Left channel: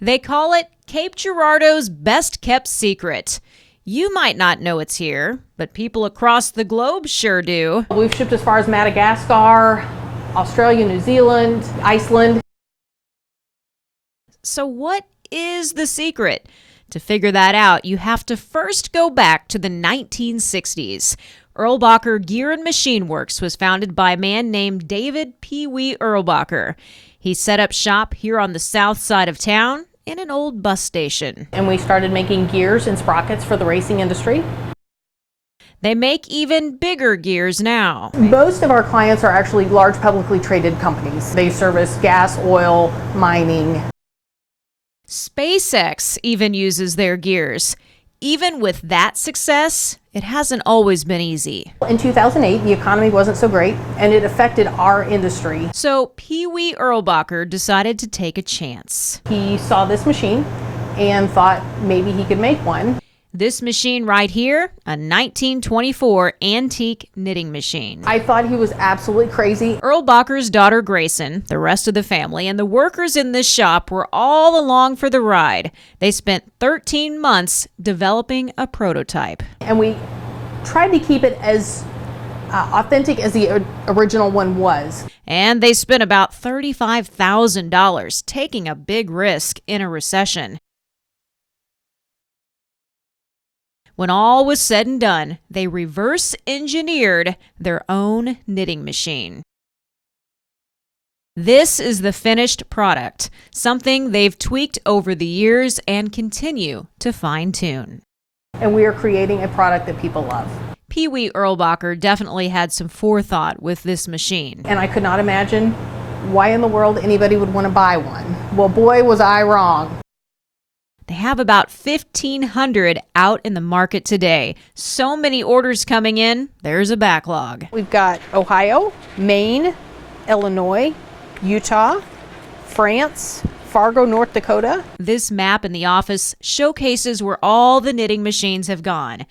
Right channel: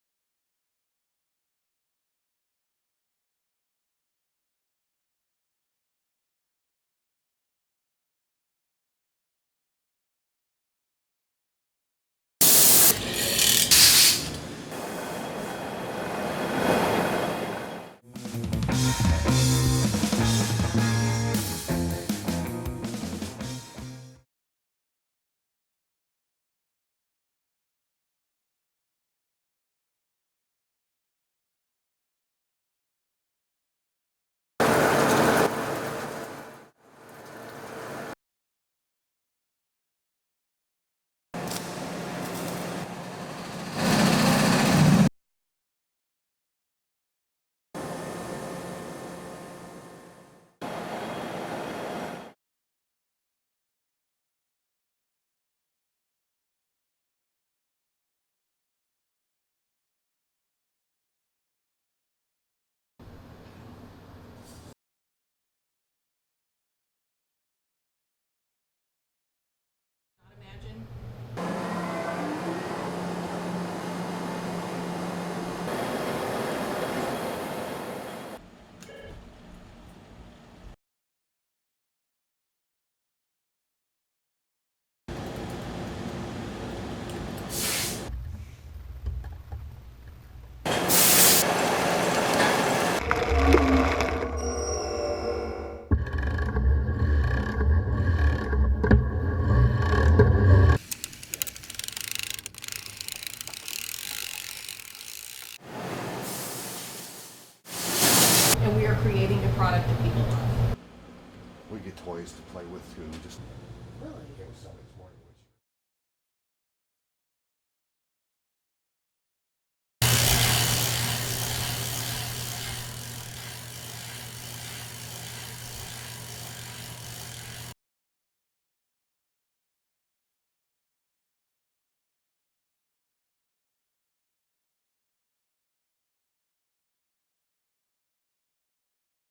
They call it Cape Girardeau's best-kept secret. You might not know it's here, but people across the globe sure do. We've shipped as far as Madagascar, Australia, New Zealand, Iceland. So what is the secret? To figure that out, you have to first go back to the 1960s. Erlbacher Gear and Machine Works was founded by a man named David Pee Wee Erlbacher. He set up shop here on the south side of town in an old bus station. And we started making gears and sprockets for the racing industry. They make even bigger gears now. Most of our clients are actually large publicly traded companies. They service gas, oil, mining. SpaceX even uses their gears. Even with that success, it hasn't always been easy. In 2008, the economy wasn't so great, and it affected our industry. So Pee Wee Erlbacher decided to take a chance. He saw this machine and thought maybe he could make one. This machine right here, a 1924 antique knitting machine. I thought he was absolutely crazy. Erlbacher's daughter Grayson, the rest of the family, and the workers in this shop were all along for the ride. They spent 13 months developing a prototype. And we tried to keep it as authentic as the original one was. And they spent about $35,000, taking a big risk in a recession. When all was said and done, they reverse engineered their own knitting machine. This is the finished product, something they've tweaked over the years and continue to fine-tune. And we are creating a product that people love. Pee Wee Erlbacher definitely had some forethought with this machine. And I could not imagine why in the world anybody would want to buy one. Well, boy, was I wrong. They have about 1,500 out in the market today. So many orders coming in, there's a backlog. We've got Ohio, Maine, Illinois, Utah, France, Fargo, North Dakota. This map in the office showcases where all the knitting machines have gone.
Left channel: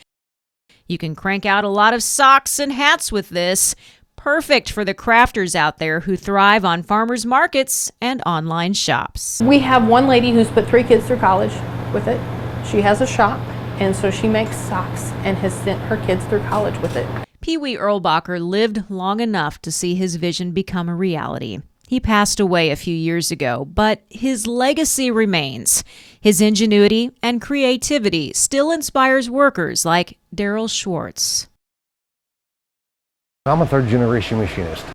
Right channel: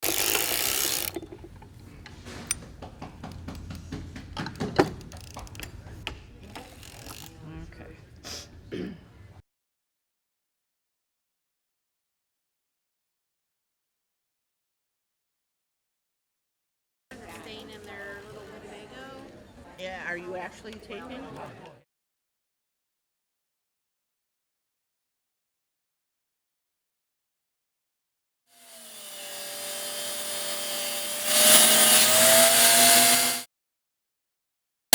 You can crank out a lot of socks and hats with this. Perfect for the crafters out there who thrive on farmers markets and online shops. We have one lady who's put 3 kids through college with it. She has a shop, and so she makes socks and has sent her kids through college with it. Pee Wee Erlbacher lived long enough to see his vision become a reality. He passed away a few years ago, but his legacy remains. His ingenuity and creativity still inspires workers like Daryl Schwartz. I'm a third-generation machinist.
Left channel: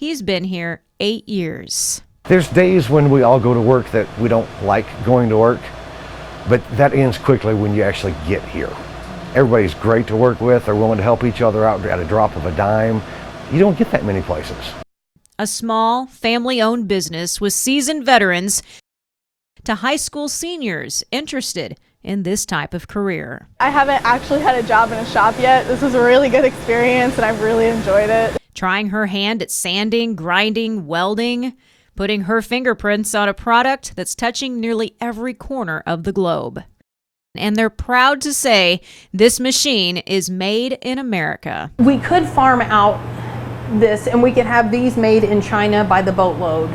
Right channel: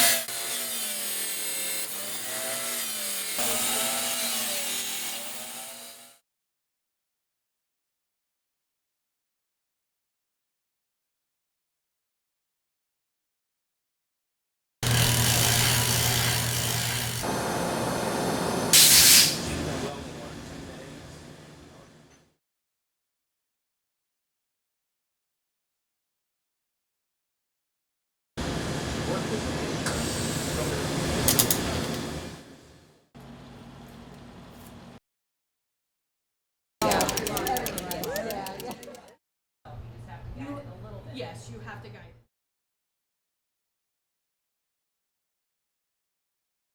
He's been here 8 years. There's days when we all go to work that we don't like going to work, but that ends quickly when you actually get here. Everybody's great to work with. They're willing to help each other out at a drop of a dime. You don't get that many places. A small, family-owned business with seasoned veterans to high school seniors interested in this type of career. I haven't actually had a job in a shop yet. This was a really good experience and I've really enjoyed it. Trying her hand at sanding, grinding, welding, putting her fingerprints on a product that's touching nearly every corner of the globe. And they're proud to say this machine is made in America. We could farm out this and we could have these made in China by the boatload.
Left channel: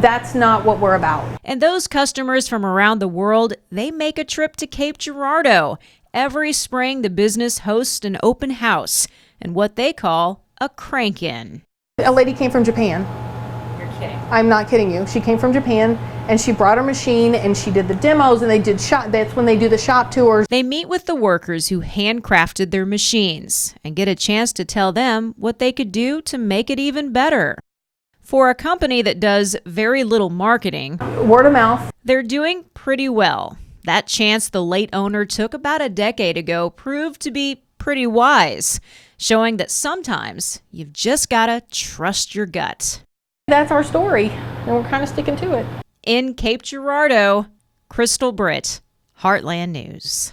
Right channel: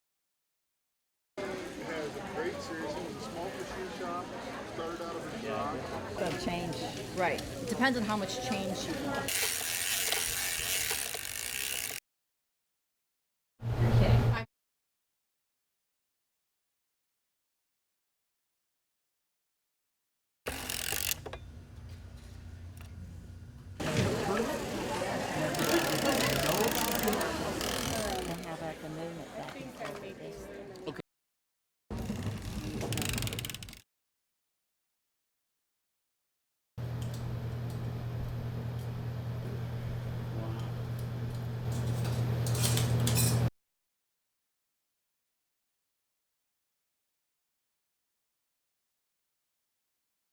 That's not what we're about. And those customers from around the world, they make a trip to Cape Girardeau. Every spring, the business hosts an open house and what they call a crank-in. A lady came from Japan. You're kidding. I'm not kidding you. She came from Japan and she brought her machine and she did the demos and they did shop. That's when they do the shop tours. They meet with the workers who handcrafted their machines and get a chance to tell them what they could do to make it even better. For a company that does very little marketing, word of mouth, they're doing pretty well. That chance the late owner took about a decade ago proved to be pretty wise, showing that sometimes you've just gotta trust your gut. That's our story, and we're kind of sticking to it. In Cape Girardeau, Crystal Britt, Heartland News.